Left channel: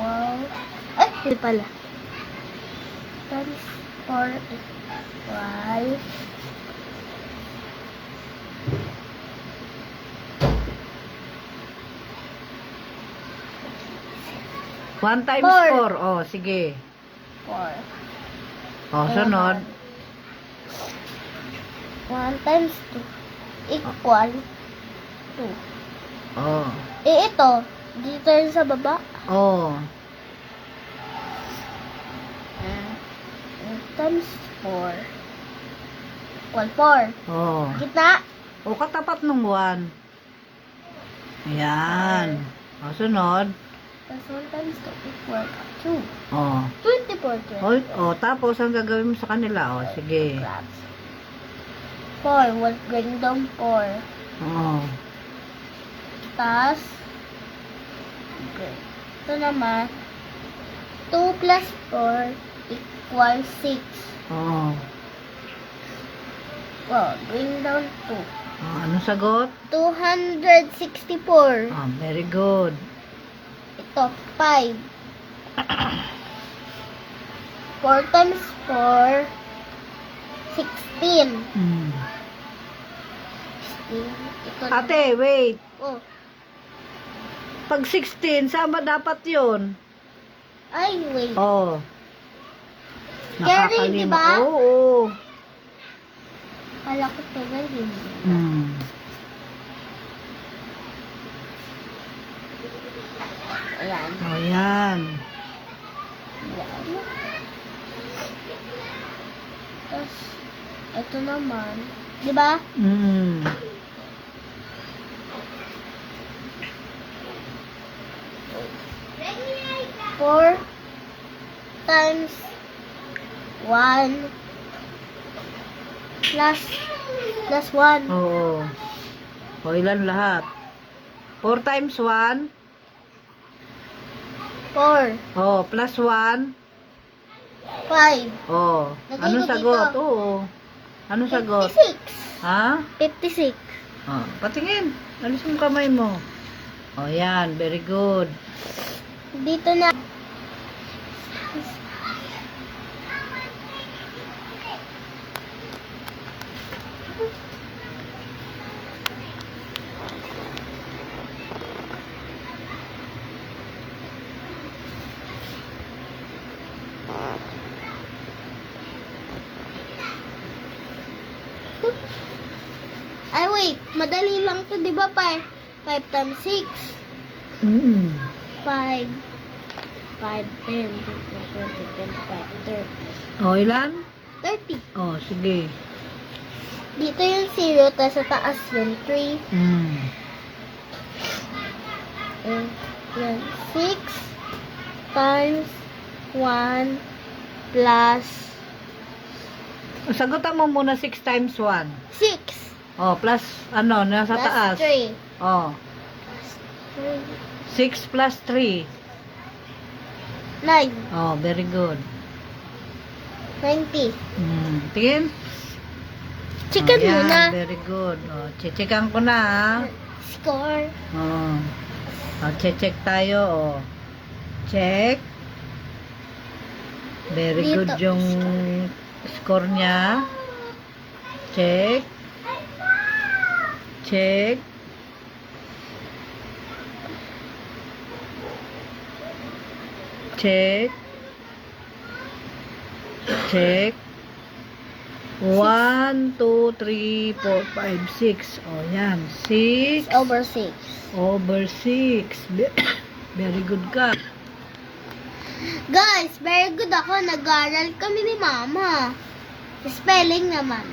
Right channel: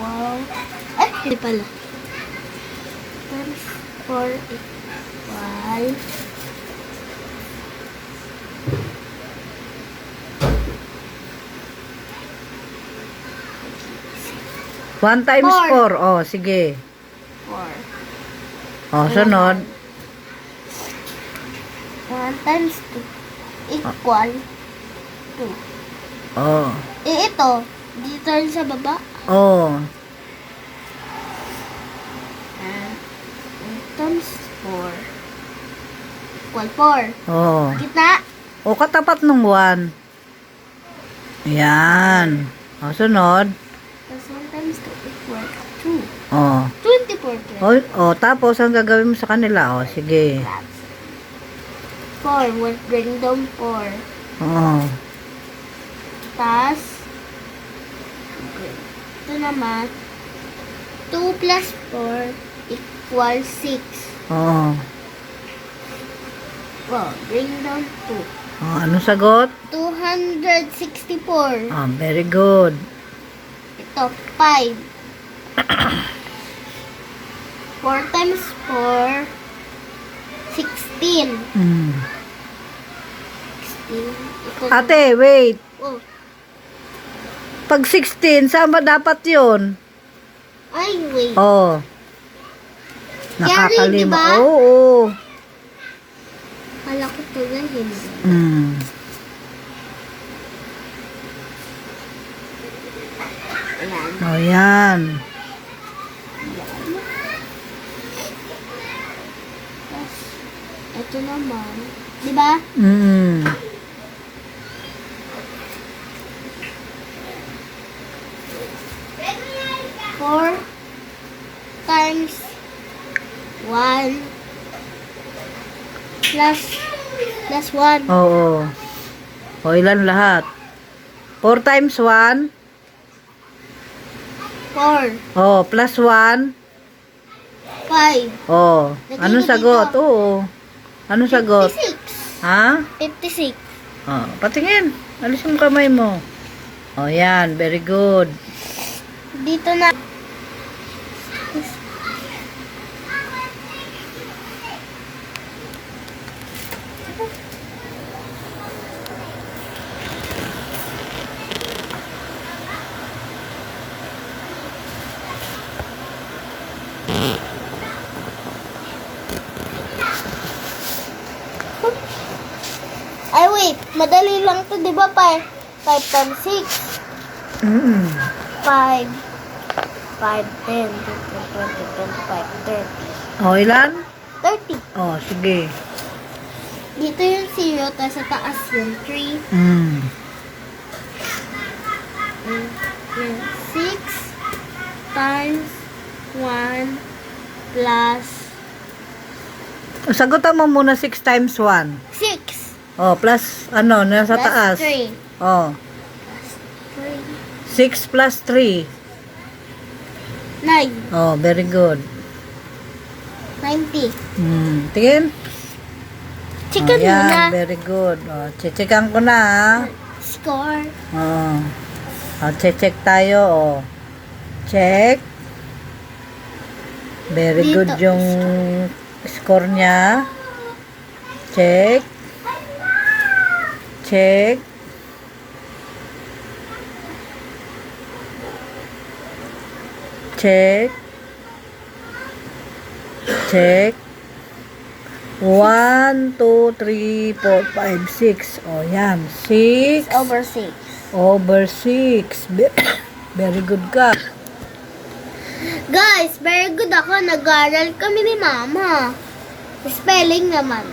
equal. Ay, hindi pala. Times 4 equal. 1 times 4. Oh, sige. 4. Oh, sunod. 1 times 2 equal 2. Oh. Ito. Dito rin sa baba. Oh. Times 4 equal 4. Oh. Gitna. O, katapat ng 1. Ayan. O, sunod. Tapos 1 times 2 equal 2. O. 24. O, tapos, ang gagawin mo sa kanila? O, sige. 4. We'll bring down 4. O. Tapos, ito naman, 2 plus 4 equals 6. O. Well, bring down 2. O, anong sagot? 264. O, very good. Ito, 5. 4 times 4, 16. Mm. 16. Ito, Ate, wait. oh, Pag 16, saan ba dapat yun? ay, wait. O. Carry, diba? Nakakalima. Oo. Kala ko ito na hindi. Mm. Ayan. O, yan. Ayan. Tapos, ito naman. Diba? Mm. 4 times 1 plus 1. Oo. O, ilan lahat? 4 times 1? 4. Oh, plus 1? 5. Oh, Lagay anong ko sagot? dito. Oo. Anong sagot? 56. Ha? 56. Oh, patingin. Alis mo kamay mo. Oh, yan. Very good. Dito na. Ay, wait. Madali lang to, di ba? 5 times 6. Mm. 5, 5, 10, 15, 20, 25, 30. Oh, ilan? 30. Oh, sige. Dito yung 0, tapos sa taas yung 3. Mm. Yan, 6 times 1 plus Sagutan mo muna 6 times 1. 6 Oh, plus ano, nasa plus taas. 3. Oh, 3, 6 plus 3. 9, Oh, very good. 90. Tingin. Chicken Oh, yan. muna. Very good. Oh, checkan ko na, ha? Score. Oh. Oh, check tayo, oh. Check. Very Dito. good yung score niya. Check. Check. Check. Check. 1, 2, 3, 4, 5, 6. O, yan. 6 Over 6. over 6. Very good ka. Guys, very good ako. Nag-aaral kami ni Mama. Spelling naman.